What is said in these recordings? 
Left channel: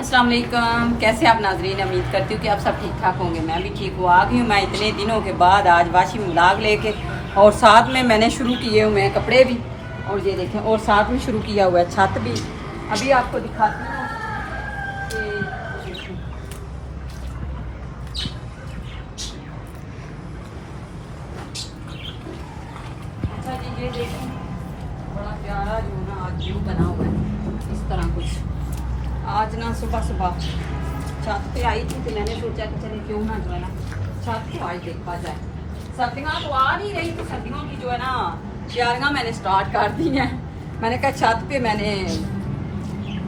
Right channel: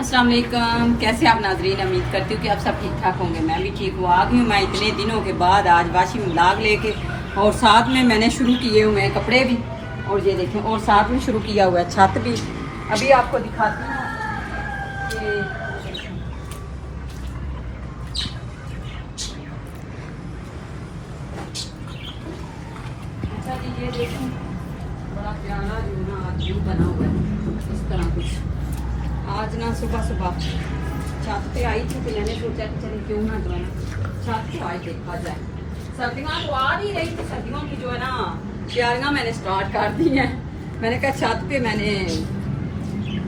अस्सलाम वालेकुम। कैसे आप नाजरीन, उम्मीद करती हूँ कि आप सब ठीक ठाक होंगे। मैं भी ठीक हूँ। आ गई हूँ मैं इतने दिनों के बाद आज वाशिंग व्लॉग लेके, और साथ में मैंने शुरू किए हुए हैं कपड़े भी, और ये देखें, और साथ में शुरू किया हुआ है छत भी। अभी आपको दिखाती हूँ कि अच्छा जी, ये देखें बड़ा प्यारा जो ना आज व्यू बना हुआ है इस तरह कुछ। आज ना सुबह सुबह छत पे आई थी तो मैंने सोचा कि चले क्यों ना जो है ना छत को आज देखा जाए। सर्दियाँ तो आ नहीं रही, तो सर्दियों की जो है ना तैयारियाँ मैंने स्टार्ट कर दी हैं। मैंने कहा छत पे मैंने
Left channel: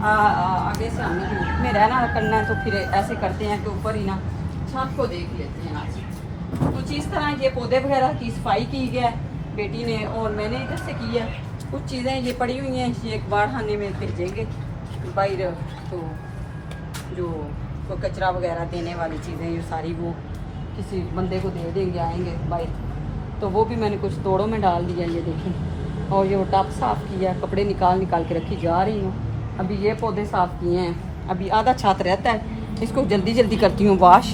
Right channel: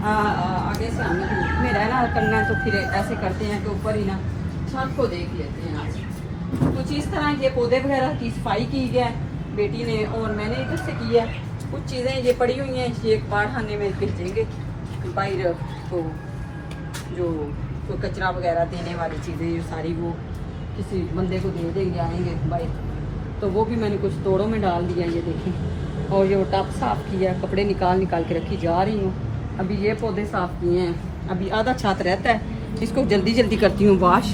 आगे से आने की धूप में रहना करना है, तो फिर ऐसे करते हैं कि ऊपर ही ना छत को देख लेते हैं आज। कुछ इस तरह ये पौधे वगैरह की सफाई की है बेटी ने, और मैंने इधर से की है। कुछ चीज़ें ये पड़ी हुई हैं, ये एक बार खाने में भेजेंगे बाहर, तो जो तो कचरा वगैरह देने वाली चीज़ें ये सारी वो किसी बंदे को दे देंगे, आएंगे बाहर, तो वो भी मैंने कुछ तोड़ों में डाल दिया। ये देखें, और ये टब साफ़ किया, कपड़े निकाल निकाल के रखी जा रही हूँ। अभी ये पौधे साफ़ किए हैं, अभी आधा छात रहता है, इसको जल्दी जल्दी करती हूँ वाश,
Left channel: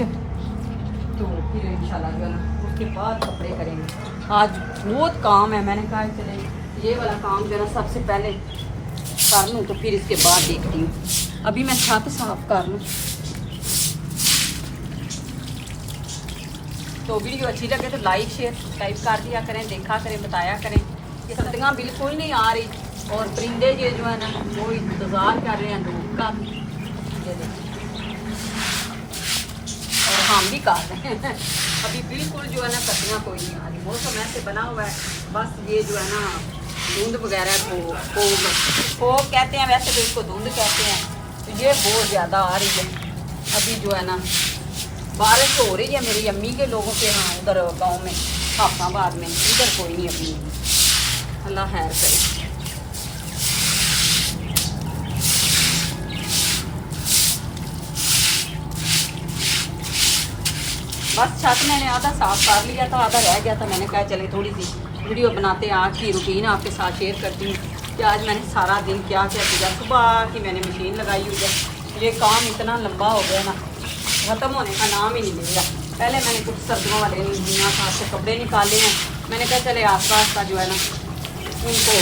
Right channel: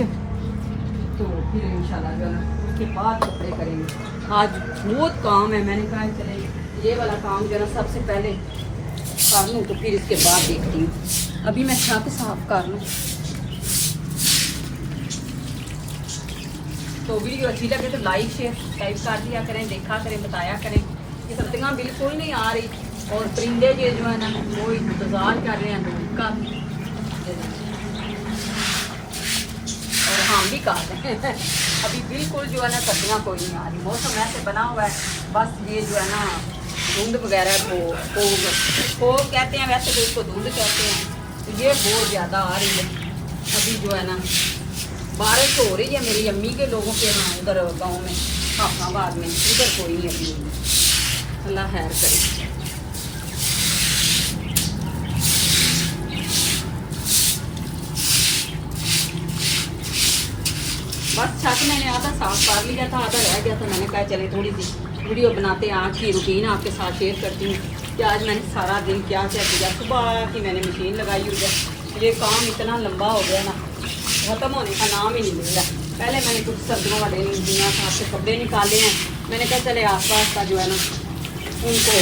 तो फिर इंशाल्लाह जो है ना उसके बाद कपड़े करेंगे। आज बहुत काम है, मैंने कहा चले ये वाला काम जो है ना सबसे पहले कर लूँ, तो फिर इसके बाद देखती हूँ। अभी मैं छत साफ कर लूँ। तो वीडियो अच्छी लगे तो लाइक शेयर सब्सक्राइब कर दिया करें, देखा करें, बताया करें। ये सर्दियाँ बिल्कुल नहीं आ रही, और परिंदे ये जो है ना वो इंतज़ार कर रहे हैं धूप का, और हम भी कर रहे हैं। अभी बिल्कुल जो है ना सर्दियाँ कोई नहीं आ रही, मौसम ऐसे बना हुआ है, बस ये जो है ना धुंध वगैरह को कहते हैं, वैसे तो उसको धुंध कहते हैं, तो ये बहुत ज़्यादा आ रही है। अभी जो है ना बारिश हो रही है मेरी अम्मी के लोगों के यहाँ उधर गांव में, हाफाबाद में, उधर कोई नहीं अभी, अल्लाह खैर करे। बस छत मैंने आधा साफ कर लिया था, आधा रह गया था। मैंने कहा चले थोड़ी सी वीडियो बनाते हैं, आज की रूटीन आपके साथ शेयर करती हूँ कि आज मैंने सारा दिन क्या क्या किया। सुबह की मैंने मशीन लगाई हुई है, ये काम इतना लंबा हो गया ना, ख़त्म होने का नाम ही नहीं ले रहा। पहले मैंने कुछ सर्दियों वाले दुनिया साथ से कपड़े निकाले हैं, मैंने कहा चले आस्ता आस्ता जो है ना उनको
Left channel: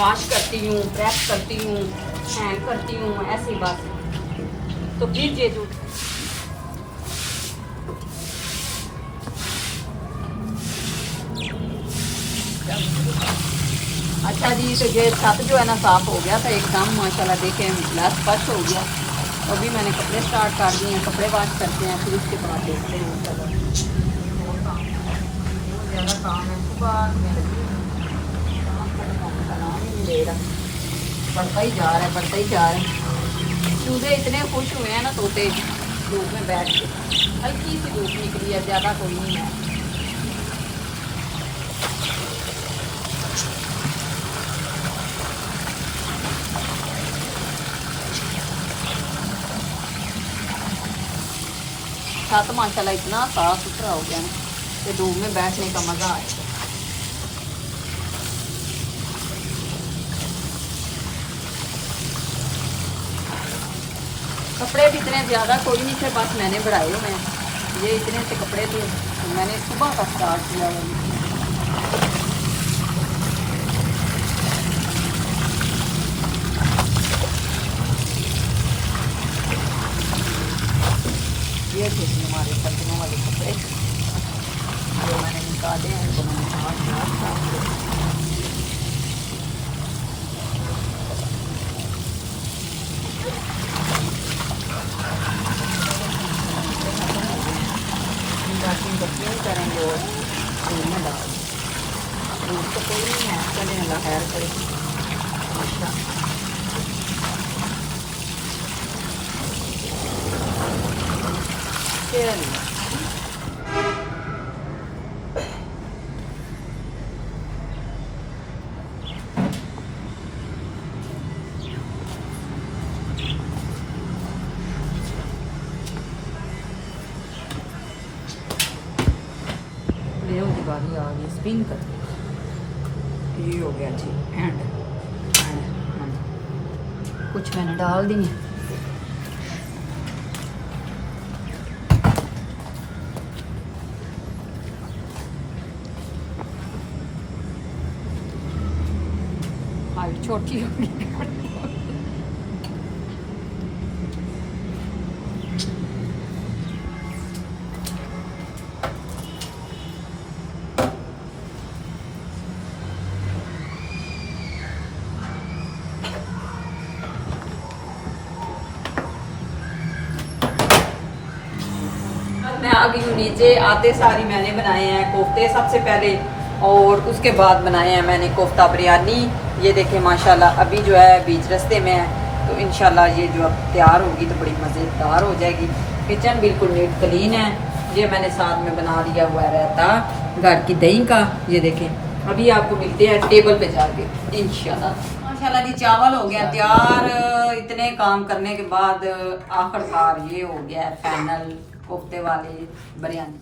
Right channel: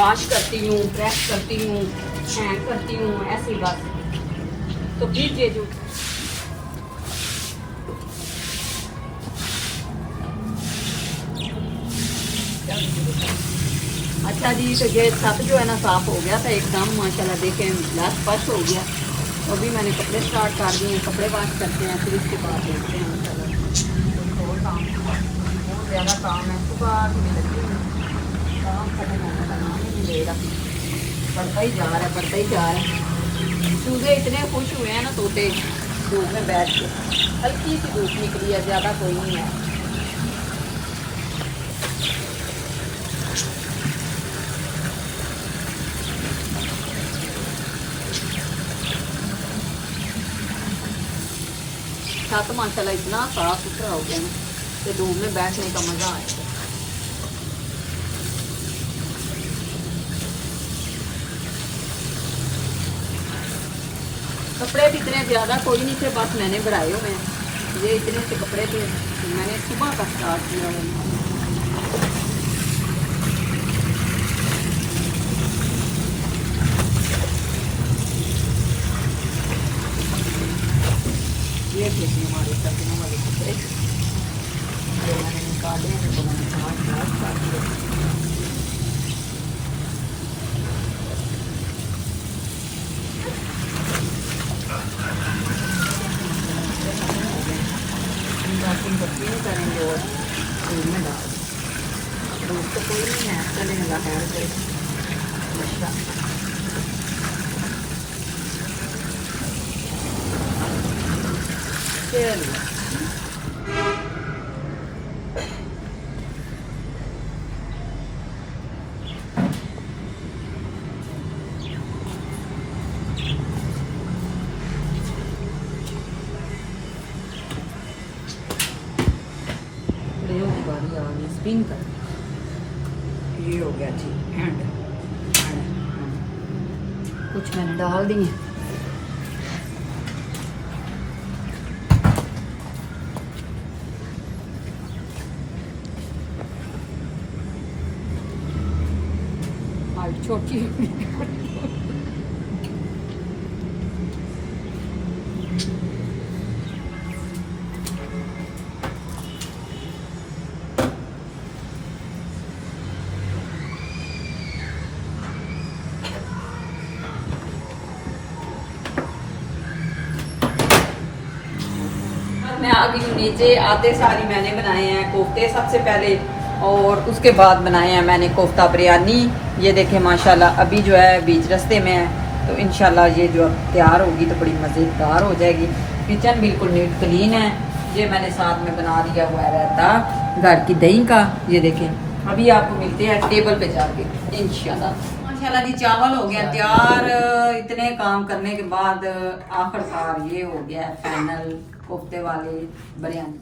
वॉश करती हूँ, प्रेस करती हूँ, हैंग करती हूँ, ऐसी बात। तो फिर ये जो अच्छा जी, तो ये छत जो है ना साफ़ हो गया था एकदम माशाल्लाह, देखें लस स्पष्ट हो गया। तो अभी मैंने कपड़े स्टार्ट कर दिए हैं, कपड़े वॉश करते हैं, फिर उसके बाद देखते हैं बहुत ज़्यादा काम है। काम खत्म होने का नाम ही नहीं ले रहा, बढ़ता ही जा रहा है, बढ़ता ही जा रहा है। चूहे इतने खुश हुए हैं ना तोते धूप में बैठ के, हल्की सी धूप निकली है, ज़्यादा कोई नहीं है। छत माशाल्लाह इतना साफ सुथरा हो गया ना कि धूप में बैठने का मज़ा आएगा। कपड़े भी इतने ज़्यादा कोई नहीं थे, बस मैंने बढ़ाए हुए हैं। ये इतने से कपड़े थे, तो मैंने सुबह का स्टार्ट किया है। ये थे हमारे सर्दियों वाले कपड़े जो मैंने निकाले हैं, उनको मैंने साफ कर दिया। करेंगे और दूध में डाल, दूध तो कोई नहीं है, चले अल्लाह खैर करे। की बारी आ गई स्पिन कर, ये हो गया जी एंड कुछ मैंने डाल दिए। छोटी होगी। मैं आ गई हूँ नीचे। आते सारी मैंने बनाए हैं कोफ्ते सबसे पहले, और उसके बाद बनाए हैं मैंने कोफ्ता बिरयानी। ये देखें माशाल्लाह अभी जो है बीच रास्ते में है, तो इंशाल्लाह ये जो तैयार होगी तो बड़ी मज़ेदार हो जाएगी। किचन बिल्कुल नीट क्लीन है। ये मैंने साथ में बना दिया हुआ रहता घर की दही का। ये देखें अभी आपको मिलते हैं टेबल पे जाके इंशाल्लाह। माशाल्लाह जी चावल हो गया तैयार। इतने काम करने के बाद आखिरकार ये हो गया है फाइनल कोफ्ते वाले बिरयानी।